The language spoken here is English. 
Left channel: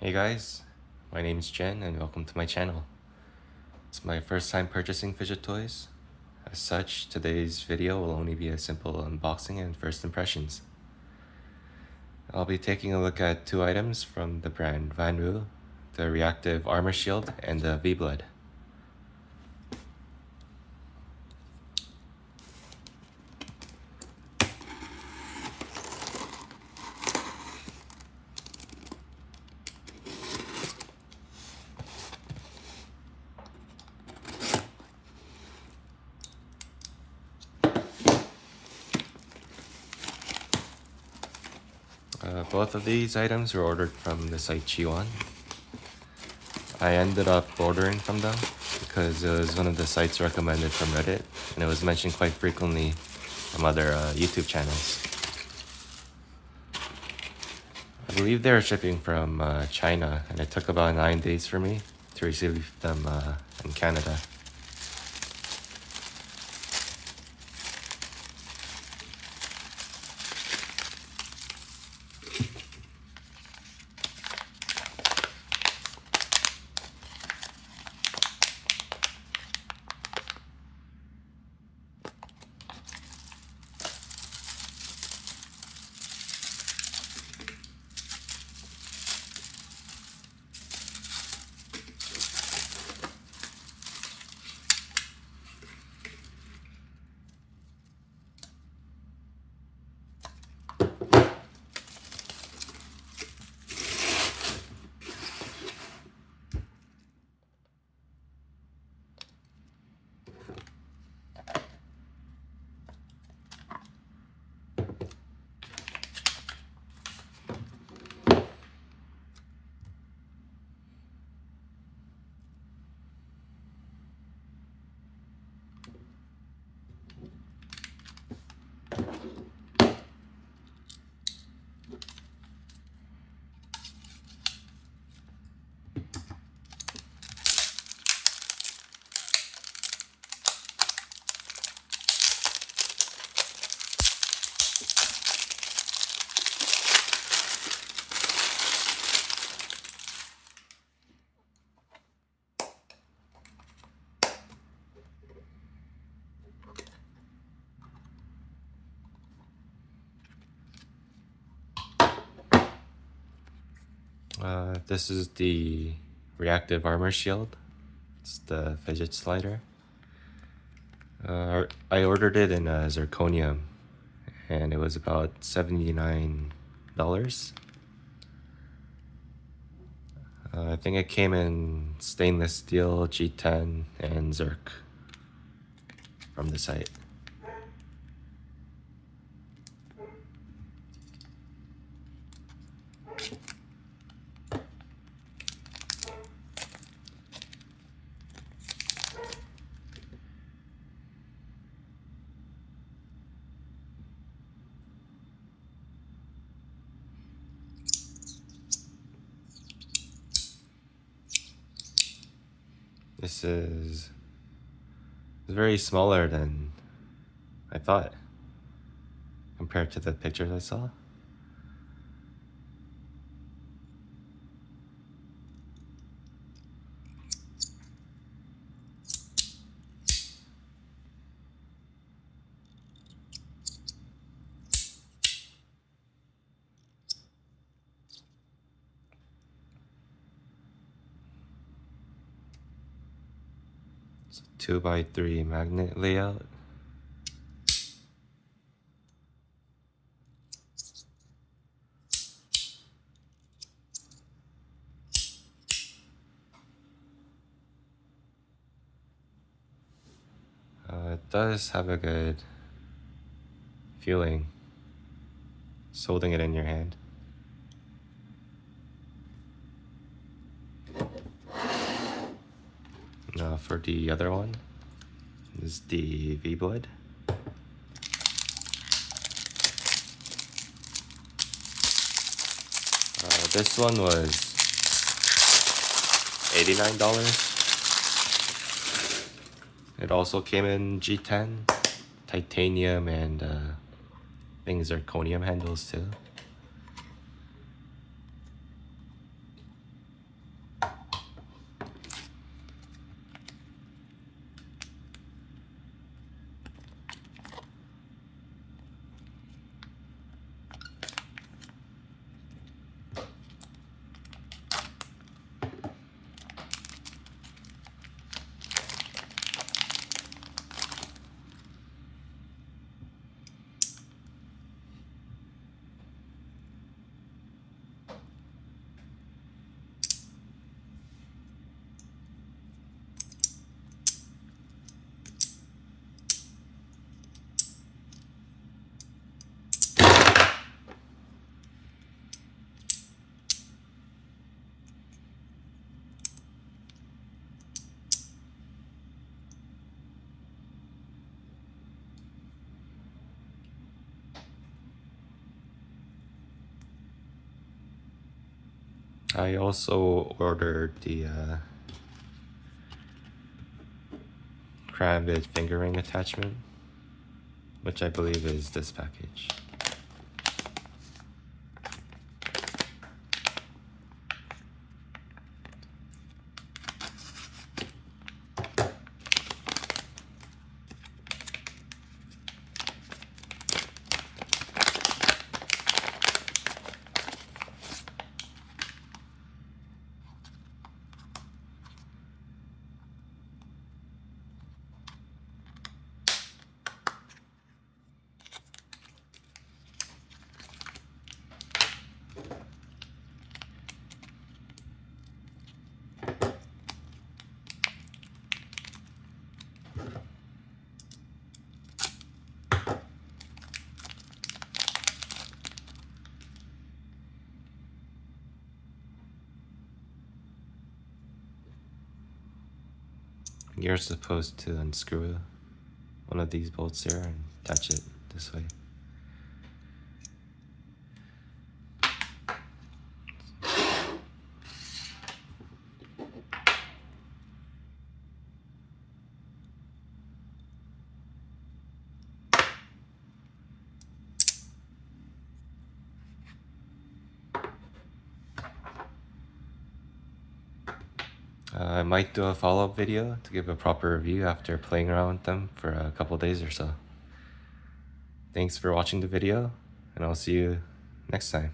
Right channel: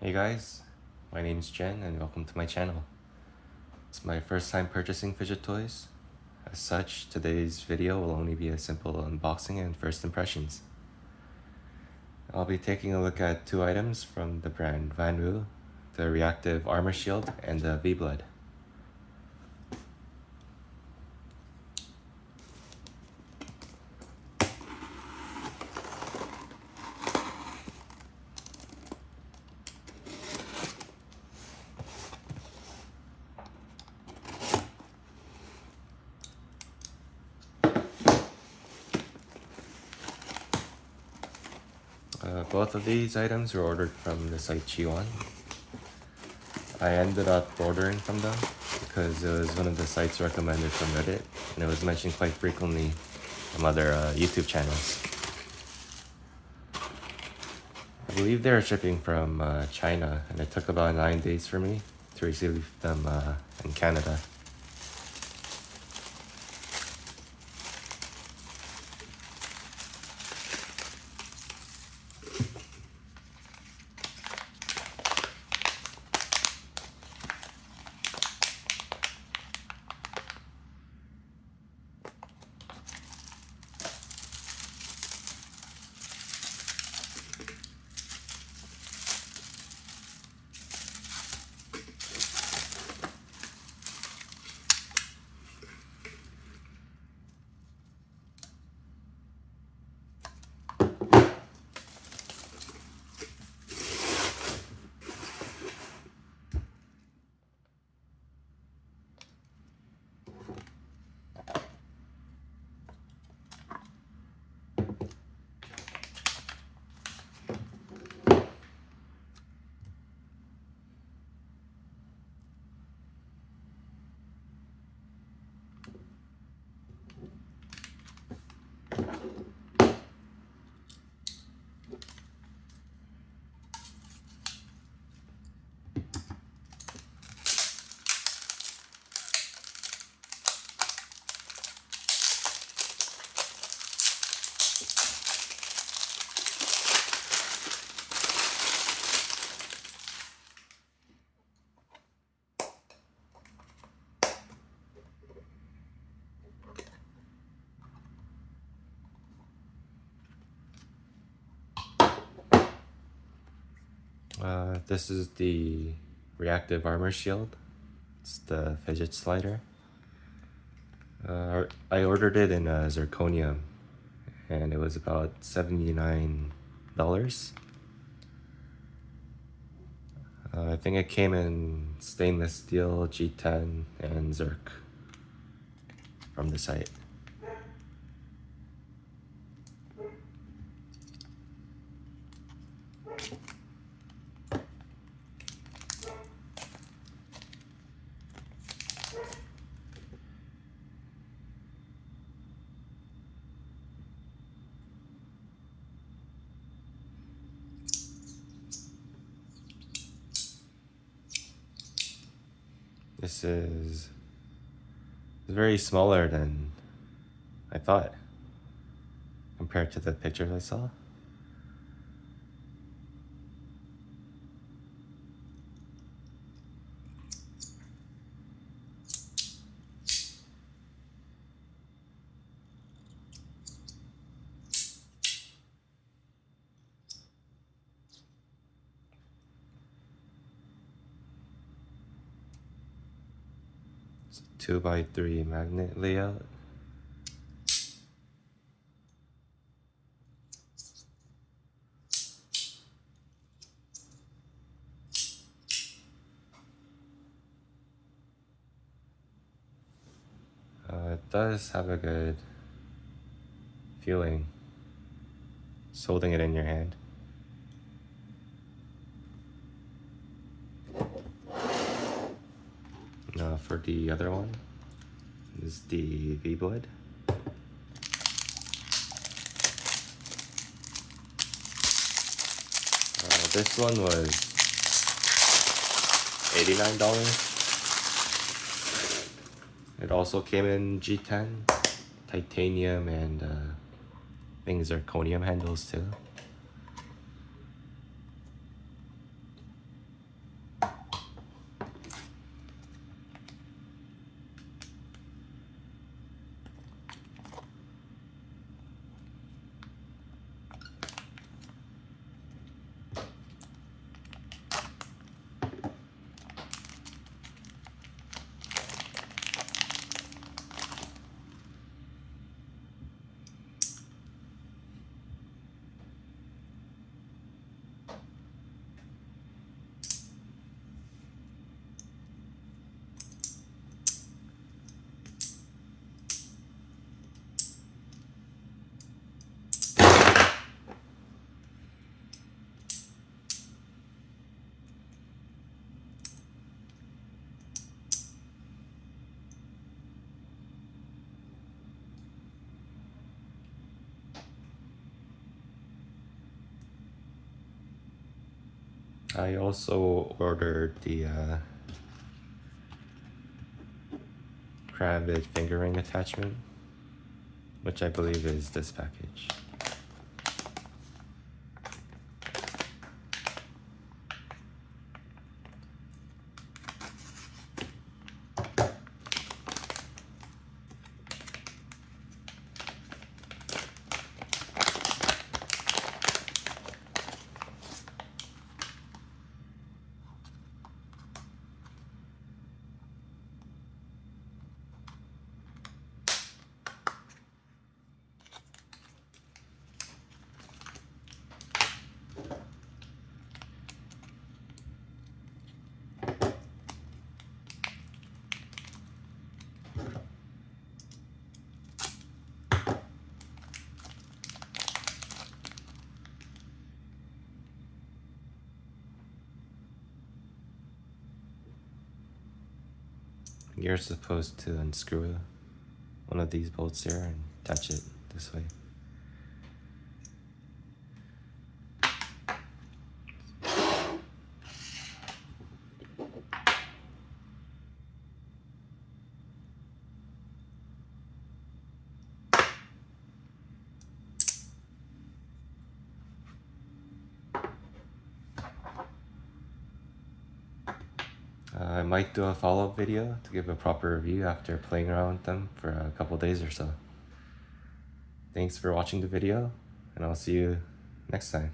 Hey guys, my name's Jen and welcome to my channel. It's my first time purchasing fidget toys. As such, today's video will only be a simple unboxing and first impressions. I'll be taking a look at two items from the brand Wanwu, the Reactive Armor Shield and the V-Blood. Both of these items were ordered from the site GEEONE. I ended up ordering from them because it was one of the sites recommended from Reddit and it was mentioned quite frequently from other YouTube channels. I believe they were shipping from China and it took about 9 days for me to receive them in Canada. This is the Reactive Armor Shield. It's the fidget slider. I ordered it in zirconium and it was about $79. I think it came in stainless steel, G10, and Zirc from the site. This is very smaller than I thought compared to the pictures I saw. It's a 2x3 magnet layout. It does have a good feeling just holding it in your hand. Now for the other one is the V-Blood. This one was $89. It also came in G10, titanium, and I think zirconium handles too. I also ordered the Crambit finger ring attachment, which I believe is this package. You're supposed to unscrew one of these bolts here and attach it this way. I might do a follow-up video to give a proper review after playing around with them for a couple days or so. Thanks for watching the video, and I'll see you next time.